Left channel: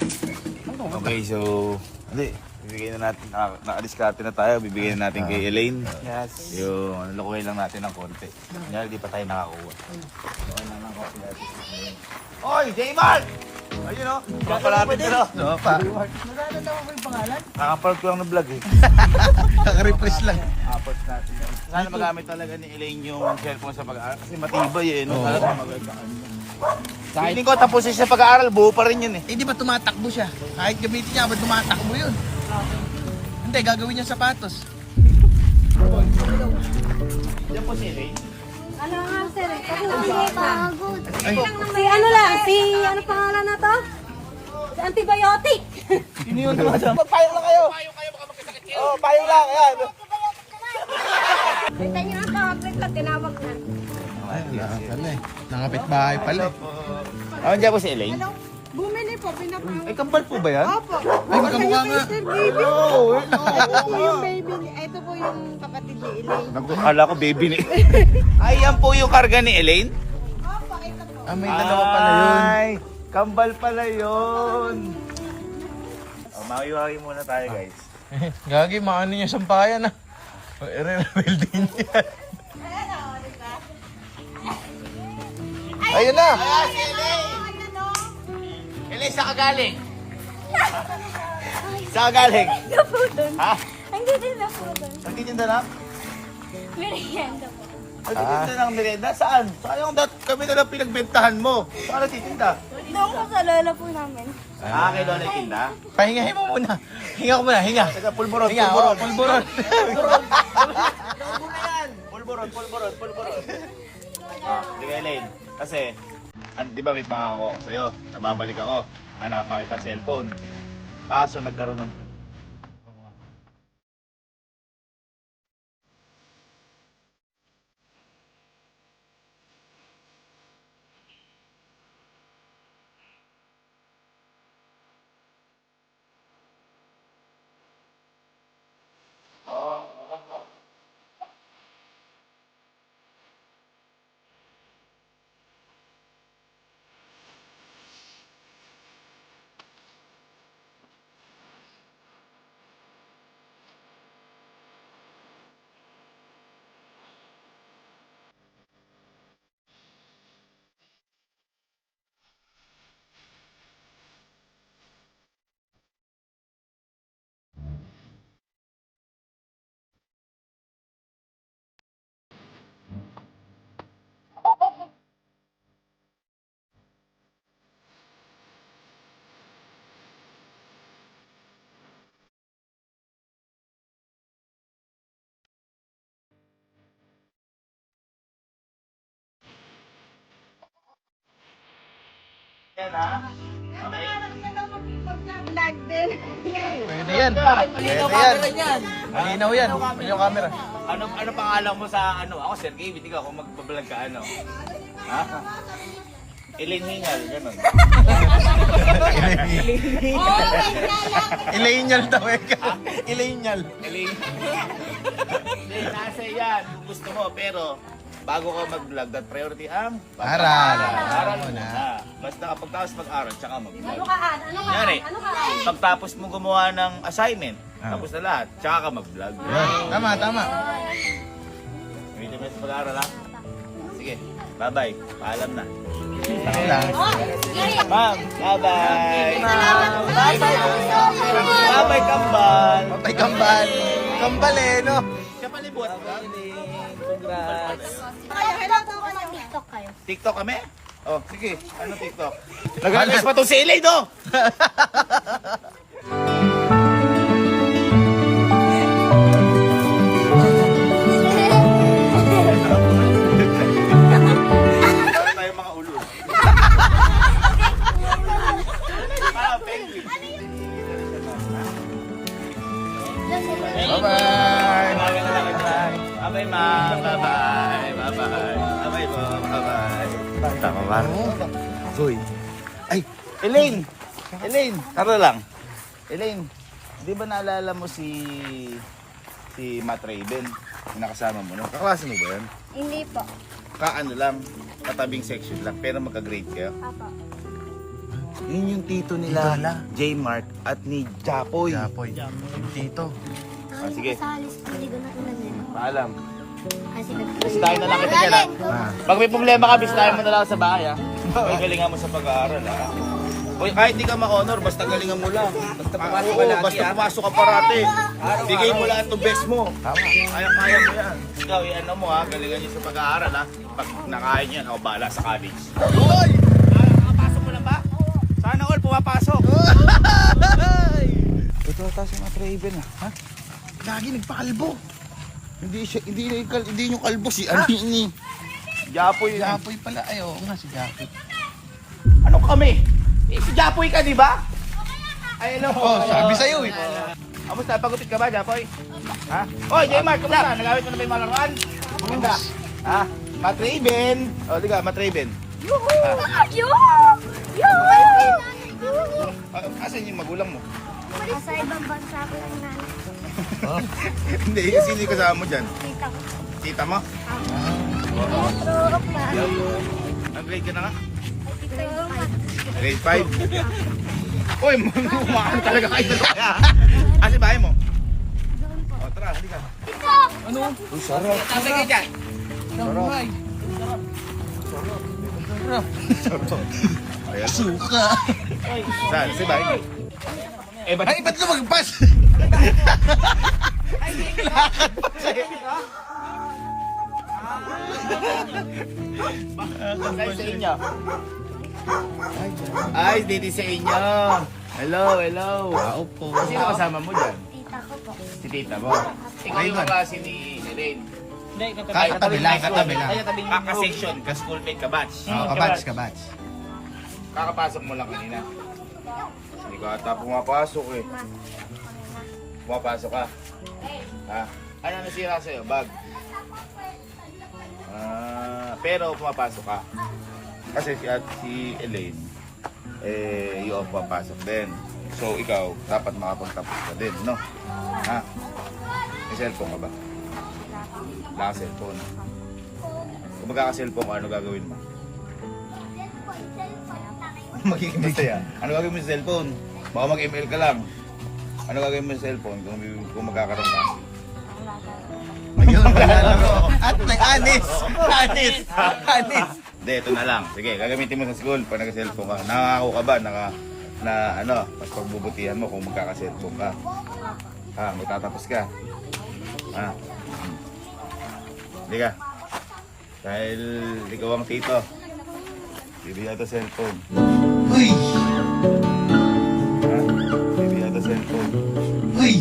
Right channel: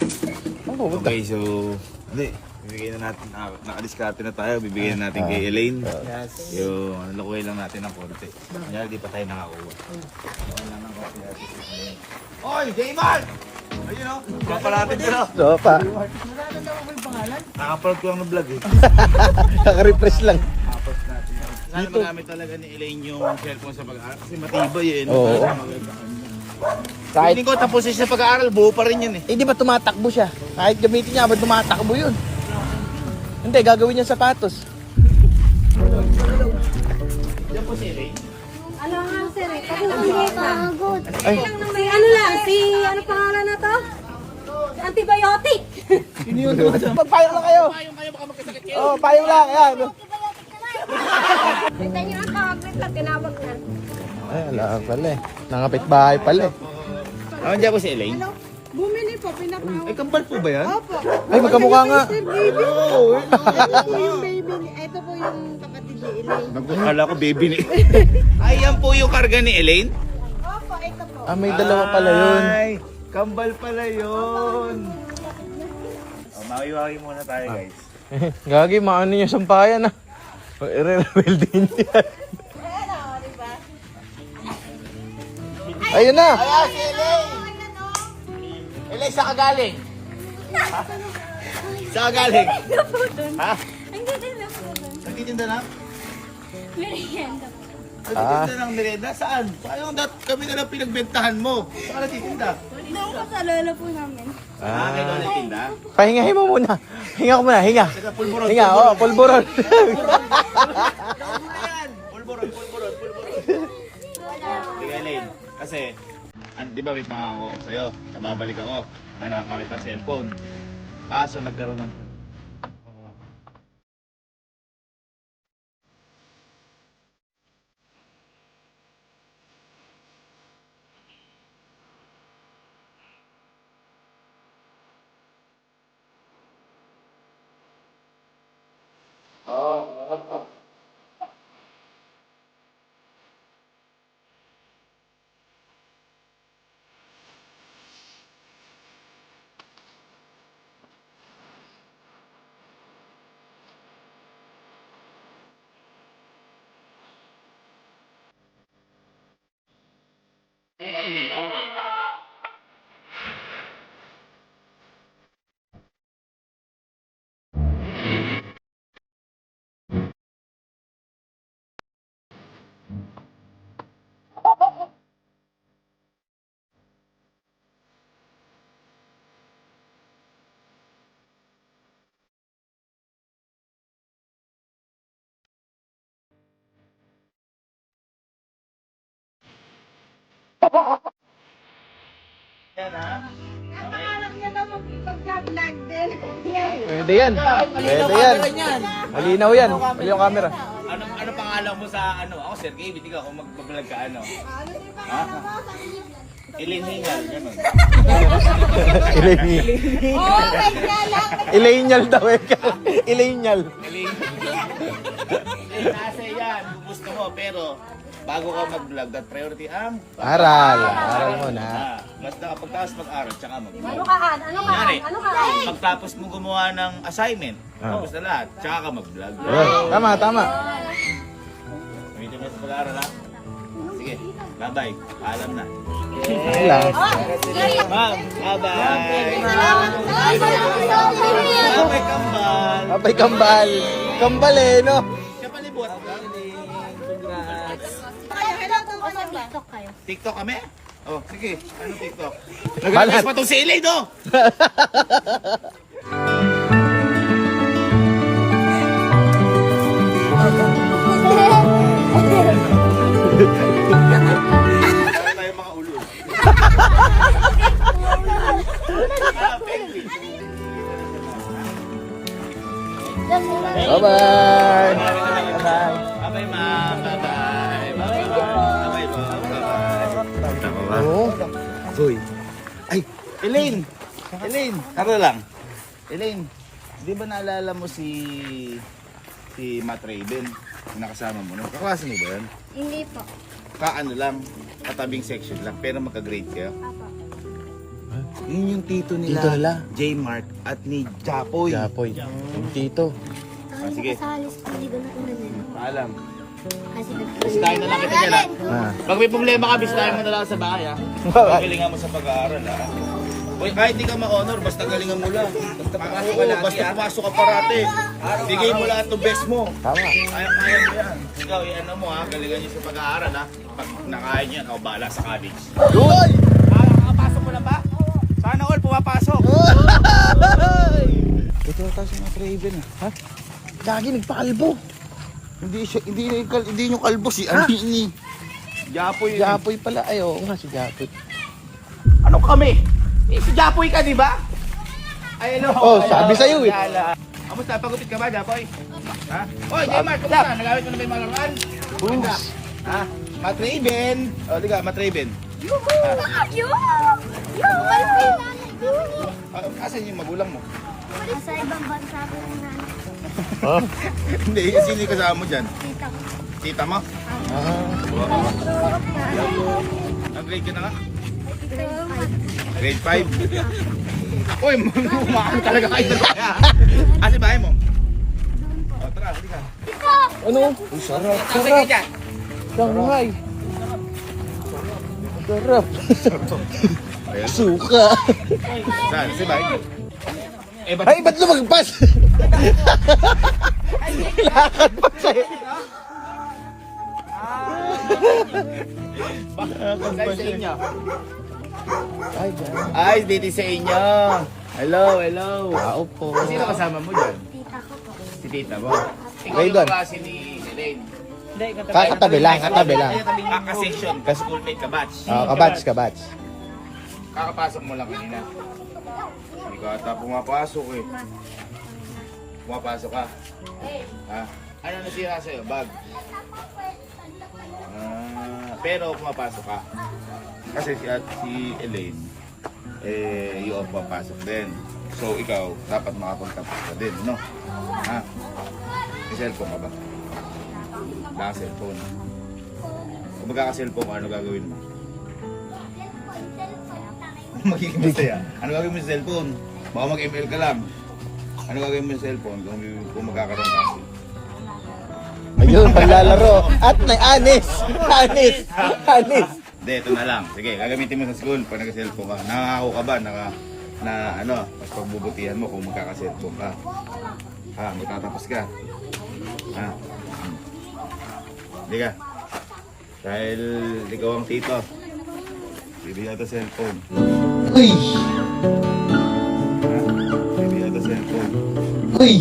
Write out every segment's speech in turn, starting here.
Okay, so... Hindi. Bibigyan na natin, naka-discarte na tayo, bibigyan na natin kay Elaine. Yes. Yung lukuhin lang natin ng konti. Kanya, di pa tayo nakakuha. Lukuhin lang ng konti natin si Elaine. Oy, J-Man! Ayun o, papalatin ko na. Oo pa. Nararamdaman mo yung pangalan? Nakapaload ko lang ng vlog eh. Naka-refresh lang. Apos natin. Sana magamit talaga ni Elaine yung cellphone sa pag-aaral kasi matibay eh. No? Oo. Talagang maganda. Feeling ko tapos siya sa pag-aaral, buo pa rin yun eh. Eh di ba tumatakbo siya? Kahit gamitin niya, ba't tumatakbo yun? Hindi, gagawin niya sapatos. Diyan po si Elaine. Ano nga sir, pagod. Si ano lang, si ano pangalan na to? Si antibiotic. Sino yun tumatama? Payong kayo, baka magkasakit kayo. Oo, payo lang. Yan. Kita niyo ang kakapit lang, tinawag na. Ay, wala pala eh. Nangapit bahay pala eh. Ah, diyan po si Elaine. Bumili po, pinapawag. Ay, kambal po ba yan? Opo. Ay, magkamukha nga. Mr. Baby. Oo, Ito po yung baby ni, ito po yung kapatid ni Elaine. Akala ko baby ni... Ay, yan po yung karga ni Elaine? Opo, ito po. Ah, may dalawa pala yun. Ay, kambal pala yun. Oh, makiwagi muna tayo guys. Gagi, maano niya sampayan ah. I-reveal din yan. Ayun na. Elaine, saan ka galing? Saan ka galing? Ha? Hindi din na po ba? Nagtitinda na? Merienda po. Nagtitinda ng merienda? Saan? Sayang kami na lang pinagbentahan mo. Saan nagtitinda? Doon ko sa lola po namin. Ah, kay Lola Tinda? Pahingahin mo muna. Hinga ko muna, hinga. Teka, pulburon, Hinga, pulburon. oh, pulburon. Pulburon. Ah, di ka Elaine. Kasi, di ba may pangako ako sa'yo? Nababalik ako. Hanapan kita cellphone. Kaso nagkaroon ng... Yan ha? Anak niya daw mag-vlog din. Pwede yan. Malinaw camera niyan. Malinaw yan. Malinaw camera. Ano pangalan mo sa ano? Ako, Sir Gabe, ikaw kung magbablog ka ano? Ha? Elaine Hingal, gano'n. Ilenial daw eh. Ilenial. Elaine. Nasa yan, kung gusto mo, pero bago ka mag-vlog, that priority ang Aral. Aral muna. muna. Basta kapag tapos mag-aral, tsaka mag-vlog. Ano kaan? Ano kaan? Yari, Ano kaan? pagtapos mo gumawa ng assignment, tapos na lahat, tsaka ka mag-vlog. Tama, tama. Gamitin mo sa pag-aaral ha? Sige, bye-bye. Paalam na. Alam. Ma'am, bye-bye. Salamat po. Bye-bye, kambal. Papay kambal. Kambal eh, no? Kapalibot. Congrats. Kailan po sa TikTok kayo? TikTok kami? Oh, sige. Ano TikTok? Nag-request pa itong si Elaine, no? Para tayo mga ulo. Para penguin. Bye-bye. Bye-bye, ma'am. Bye-bye. Bye-bye. Bye-bye, ma'am. Bye-bye. Tama ba? Hoy. Ay, Elaine. Elaine, tara lang. Elaine, di ba naalala mo si Matt Raven? Yung nakasama mo, no? Kaklase mo ba yan? Hindi po. Kaano lang, katabing section lang, pero magka-grade kayo. Apa. Yun yung tito Tito nila, nila. J-Mark at ni Japoy. Japoy. Yung tito. Sige. Sa halis, hindi ko na kunan. Paalam. Kasi Bisitahin na lang kita dyan ha. Pag may problema ka, bisitahin mo na lang sa bahay ha. Pagalingan mo sa pag-aaral ha. Uy, kahit di ka ma-honor, basta galingan mo lang. Basta pumasok ka lagi. Basta pumasok ka parati. Bigay mo lahat ng best mo. Kaya mo yan. Ikaw, ano mo ha, galingan nyo sa pag-aaral ha. Pag nakain yan, ako bahala sa college. Nakapasok mo na ba? Sana all pumapasok. Ito ata si Matt Raven ha. Lagi nagpakalbo. Hindi yung kalbo si ano ni Japoy. Japoy pala. Ay, oo nga si Japoy. Ano kami? Eh, si Japoy ka, di ba? Ay, ano? Oh, sabi sa'yo eh. Kamusta? Pagupit ka ba, Japoy? Ha? Oy, J-Mark, kamusta? Nagamit mo na ba yung mga laruan? Ganda. Ha? Matt Raven. O, di ka, Matt Raven. Asan yung magulang mo? Sa ibang bansa ko yung nanay. Hindi, sino yung kasama mo dyan? Tita ko. Tita mo? Ang grade ka na nga? Grade 5? Uy, umakang talaga kayo na kaya. Asa bahay mo? O, tara, hindi ka. Ano? Ang sarap. Asa kayo dyan? Damay. Sarap. Ayan. Suka. Saan? Sa bahay mo? Eh, ba't Ay, ba't lumagpas? Lakad pa sa'yo. Saan sa inyo? Ay, dito sa inyo. Hello, hello. Tao po. Sino kasama mo dyan? Tita ko po. Si tita mo. Ikaw yung Raven. klase ni Elaine. Katabi lang, katabi lang. Kaka-section, ka-schoolmate, ka-batch. Kabats, kabats. Kakapasok mo lang kanina. Hindi ka ata pumapasok eh. Pumapasok ka. Ha? Ano nasira sa'yo? Bag? Pero pumapasok ka. Kasi si Elaine, yung pumapasok din. So ikaw, dapat makapagtapos ka din, no? Ha? May cellphone ka ba? Wala ka cellphone. Kung magkaka-cellphone ka, ano gagawin mo? Magiging masaya. Ano gagawin mo sa cellphone? Baka mag-ML ka lang. Ano gagawin mo sa cellphone kung magkakaroon ka? Ayun, maglalaro. At may anis. Anis. Anis. Hindi, ito na lang. Sige, gagamitin mo sa school pag nag-cellphone ka. Nakako ka ba? Mas pagbubutihan mo kung magkaka-cellphone ka. Ha, magtatapos ka. Ha? Hindi ka. Dahil ikaw ang tito. Bibigyan ito cellphone. Uy. Ha? Bibigyan ito cellphone. Uy.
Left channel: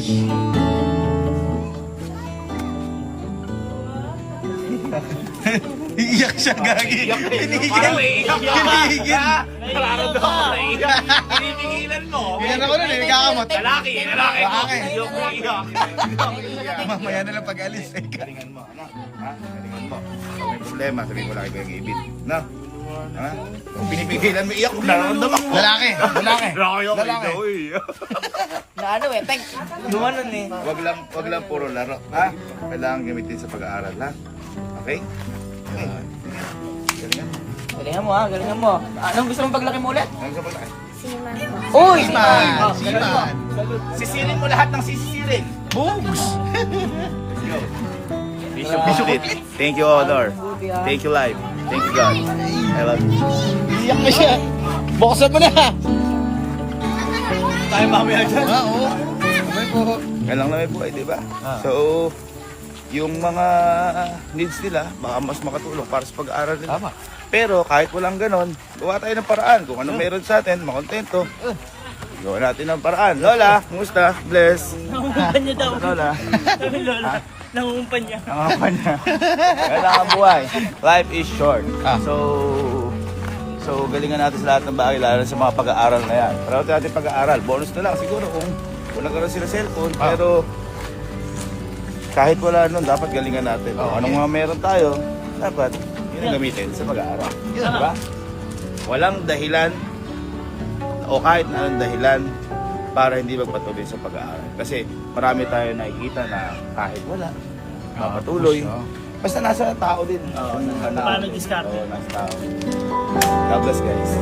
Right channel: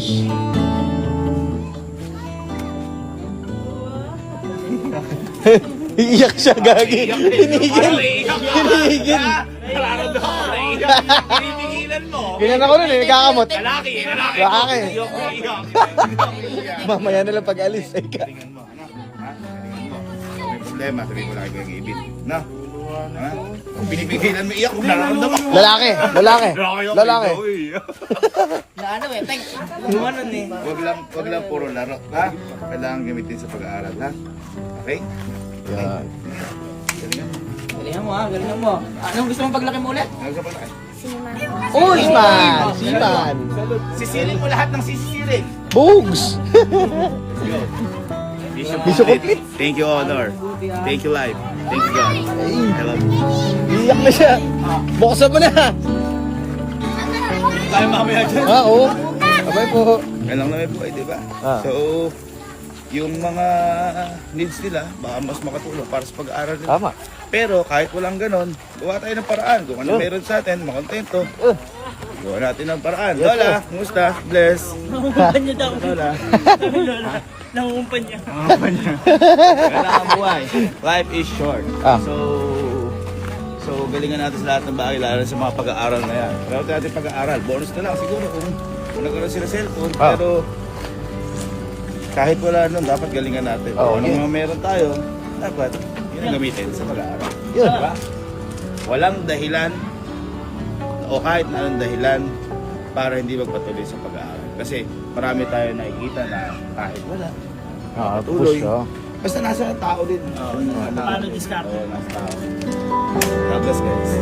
Iiyak siya, gagi. Hinigil. Hinigil. Nararamdaman ko na iyak. Pinipigilan mo. Ganyan ako nun eh, nagkakamot. Lalaki. Lalaki. Iyak. Mamaya na lang pag-alis. Galingan mo, ano? Ha? Galingan mo. Kung may problema, sabihin mo lagi kayong ibig. No? Ha? Kung pinipigilan mo, iyak. Nararamdaman mo. Lalaki. Lalaki. Lalaki. Na ano eh, thank Lumanon eh. Wag lang puro laro. Ha? Kailangan gamitin sa pag-aaral, ha? Okay? Okay. Galingan mo. Galingan mo ha, galingan mo. Anong gusto mong paglaki mo ulit? Ano sa pagkain? Sima. Uy, man. Siman. Sisirin mo lahat ng sisirin. Bugs. Go. Bishop complete. Thank you, Honor. Thank you, Life. Thank you, God. I love you. Iiyak na siya. Buksan mo na. Tayo mamaya dyan. Oo. Sabay po. Kailangan na may buhay, di ba? So, yung mga needs nila, baka mas makatulong para sa pag-aaral nila. Tama. Pero kahit walang ganon, gawa tayo ng paraan. Kung ano meron sa atin, makontento. Gawa natin ng paraan. Lola, kumusta? Bless. Nangungupan niya daw. Lola. Sabi Lola, nangungupan niya. Nangapan niya. Kailangan buhay. Life is short. So galingan natin sa lahat ng bagay, lalo sa mga pag-aaral na yan. Para natin pag-aaral. Bonus na lang siguro kung nagkaroon sila cellphone. Pero kahit wala nun, dapat galingan natin. Kung anong mga meron tayo, dapat yun ang gamitin sa pag-aaral. Yun, di ba? Walang dahilan o kahit na anong dahilan para hindi magpatuloy sa pag-aaral. Kasi marami tayo nakikita na kahit wala, mapatuloy. Basta nasa tao din. Paano diskarte? Oo, nasa tao. God bless guys.